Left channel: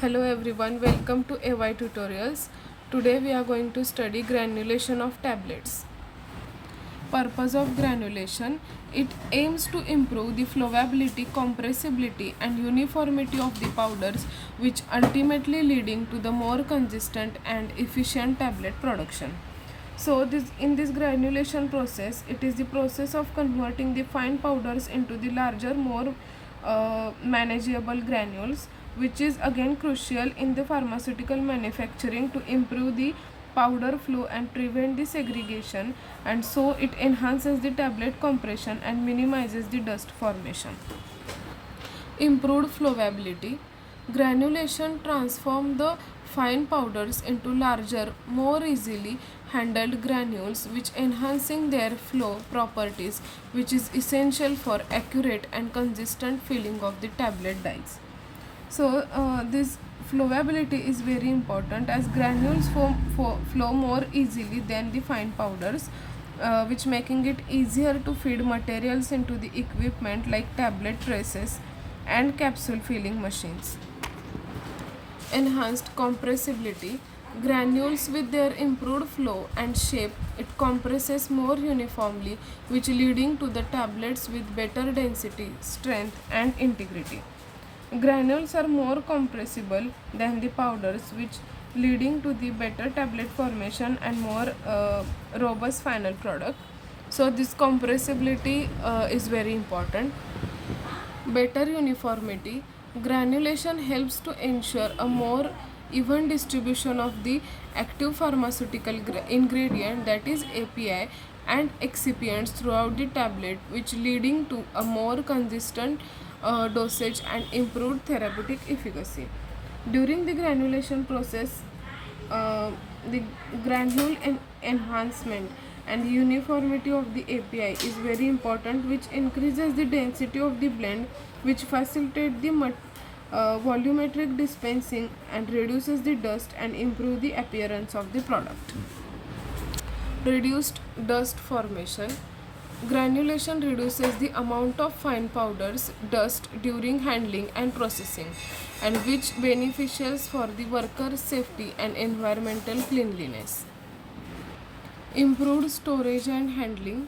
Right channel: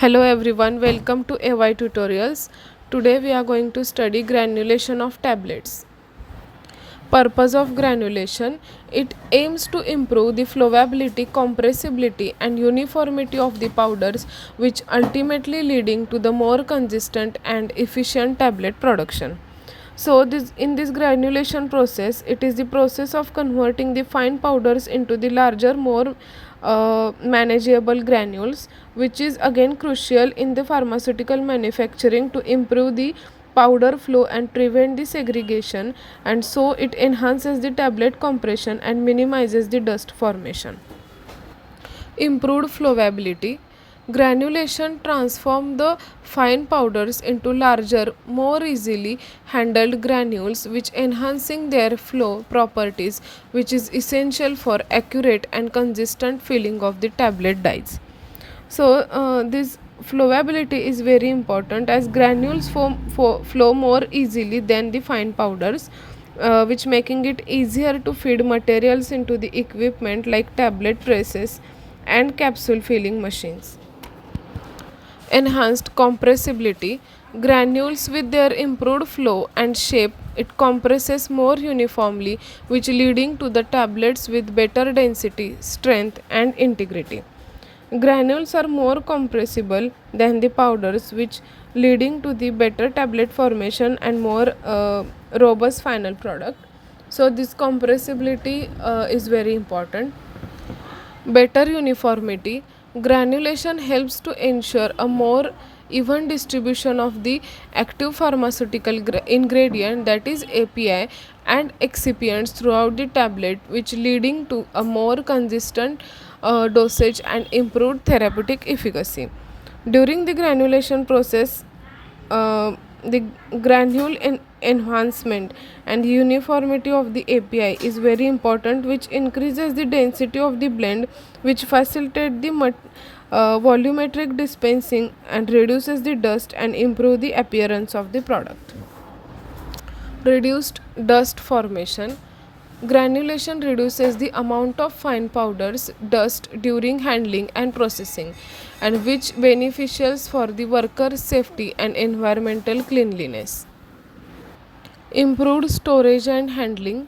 Hello everyone, welcome to AY Tutorials. Today we are going to study granulation of tablets. Purpose of granulation: it aims to improve the flowability, compressibility and uniformity of the powders, which ultimately leading to the more consistent and efficient tablet production. So in this granulation process, it is the process of converting the fine powders into the larger, more manageable granules, which is again crucial in the pharmaceutical manufacturing to improve the powder flow and prevent the segregation, and so it enhances the tablet compression and minimizes the dust formation. Improved flowability: granulation transforms the fine powders into larger, more easily handled granules, which enhancing their flow properties, which is essential for accurate and consistent filling of the tablet dyes. So this flowability is very important, as granules flow more easily than the fine powders, which making it easier to feed materials into the equipment like tablet presses and capsule filling machines. Enhanced compressibility: granules with their improved flow and shape, it compresses more uniformly, which leading to the tablets with better density, strength and integrity. Granules are more compressible than the powders, which leading to the better tablet formation and more robust final product. So this compressibility is very important. Better uniformity: granulation helps to ensure a more even distribution of the active pharmaceutical ingredient, that is API, and excipients throughout the tablet, which leading to a more consistent dosage and improved therapeutic efficacy. During the granulation process, the granule enhancement and uniformity of the API is very important, which increases the density of the blend, which facilitate the volumetric dispensing and reduces the dust and improve the appearance of the product. Reduced dust formation: granulation reduces the amount of fine powders dust during handling and processing, and which beneficial for the worker's safety and environmental cleanliness. Improved storage and handling:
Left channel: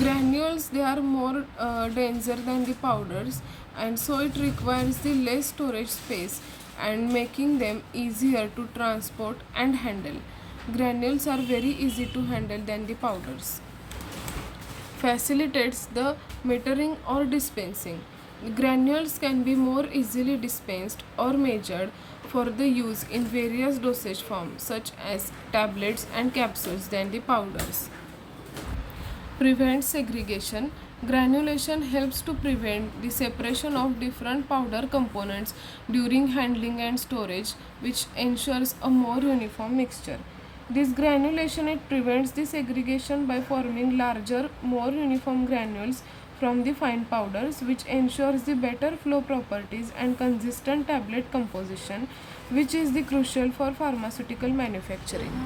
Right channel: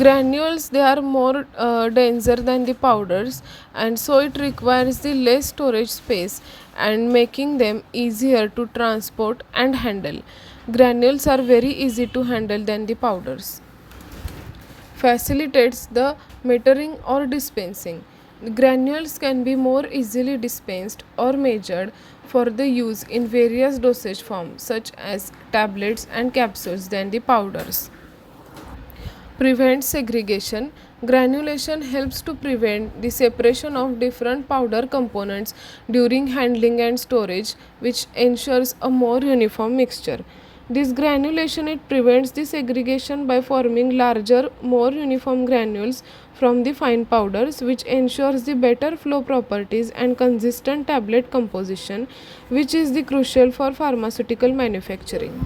granules, they are more denser than the powders, and so it requires the less storage space and making them easier to transport and handle. Granules are very easy to handle than the powders. Facilitates the metering or dispensing: granules can be more easily dispensed or measured for the use in various dosage forms such as tablets and capsules than the powders. Prevents segregation: granulation helps to prevent the separation of different powder components during handling and storage, which ensures a more uniform mixture. This granulation, it prevents the segregation by forming larger, more uniform granules from the fine powders, which ensures the better flow properties and consistent tablet composition, which is the crucial for pharmaceutical manufacturing.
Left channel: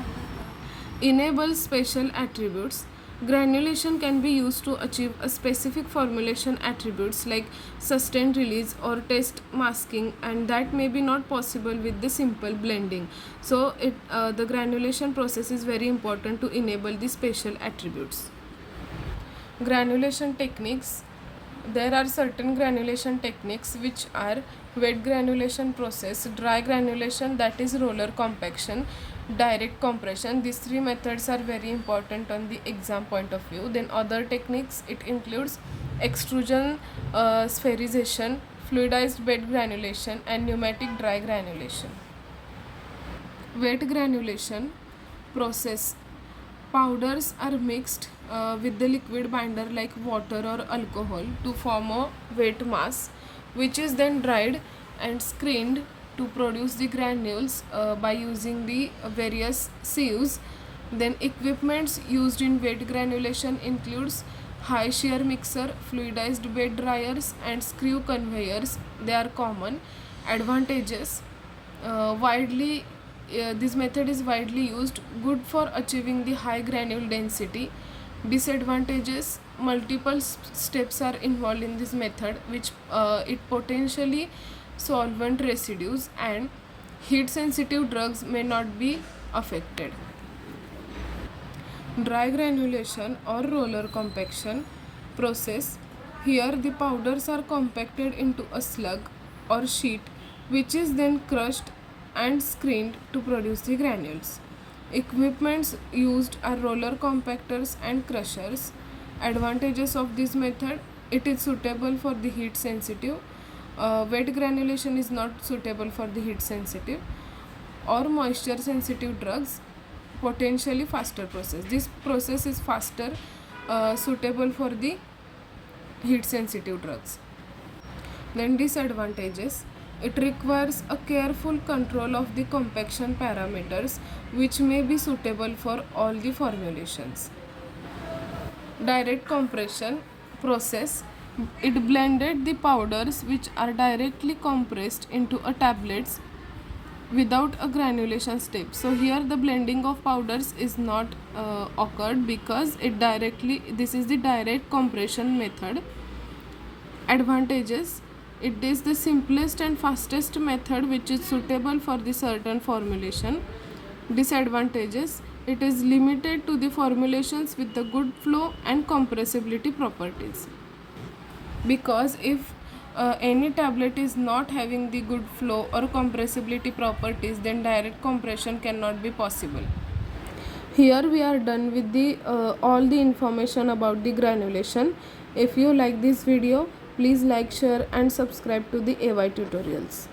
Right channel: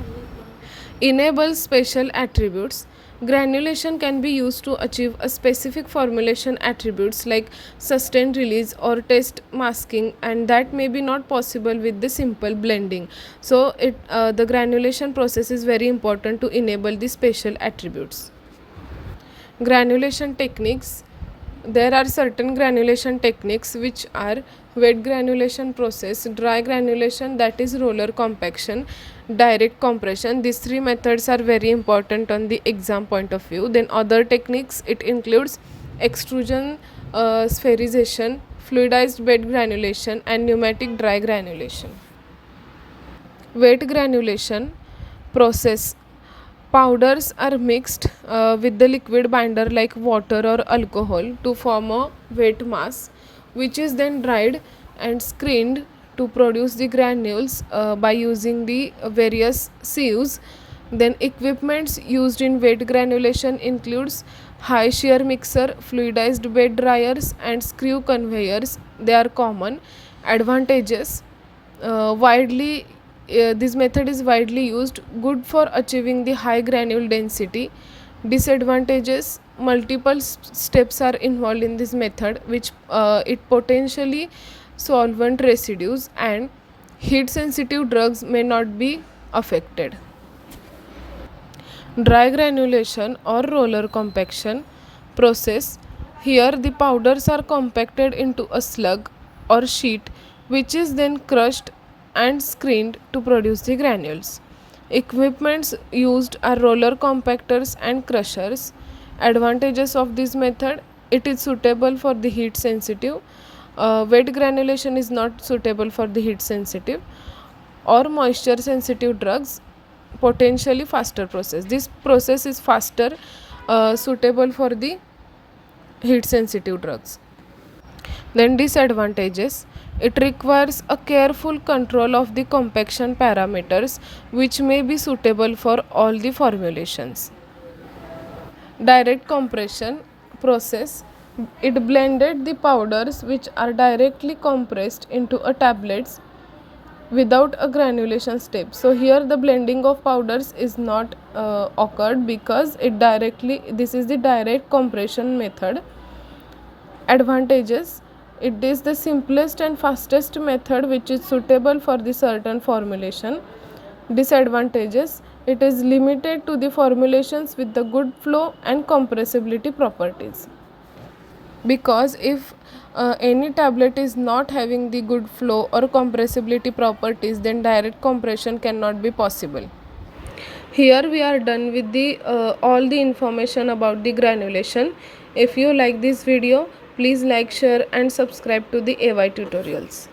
Enables special attributes: granulation can be used to achieve a specific formulation attributes like sustained release or test masking, and that may be not possible with the simple blending. So the granulation process is very important to enable the special attributes. Granulation techniques: there are certain granulation techniques which are wet granulation process, dry granulation, that is roller compaction, direct compression. These three methods are very important on the exam point of view. Then other techniques, it includes extrusion, spherization, fluidized bed granulation and pneumatic dry granulation. Wet granulation process: powders are mixed with the liquid binder like water or alcohol to form a wet mass, which is then dried and screened to produce the granules by using the various sieves. Then equipments used in wet granulation includes high shear mixer, fluidized bed dryers and screw conveyors. They are common. Advantages: widely this method is widely used, good for achieving the high granule density. Disadvantages: multiple steps are involved in this method, which it potentially solvent residues, and Heat sensitive drugs may not be affected. Dry granulation or roller compaction process. Here the powders are compacted into a slug or sheet which is then crushed and screened to produce the granules. Equipments used are roller compactors and crushers. Advantages of this method: it is suitable for the heat sensitive. Wet granulation is not suitable for the heat sensitive or moisture sensitive drugs. Potentially faster process. This process is faster, suitable for the heat sensitive drugs. Then disadvantages: it requires a careful control of the compaction parameters which may be suitable for all the formulations. Direct compression process: it blended the powders which are directly compressed into a tablets without a granulation step. So here the blending of powders is not occurred because this is the direct compression method. Advantages: it is the simplest and fastest method which is suitable for the certain formulation. Disadvantages: it is limited to the formulations with the good flow and compressibility properties, because if any tablet is not having the good flow or compressibility properties, then direct compression cannot be possible. Here we are done with the all the information about the granulation. If you like this video, please like, share and subscribe to the AY tutorials.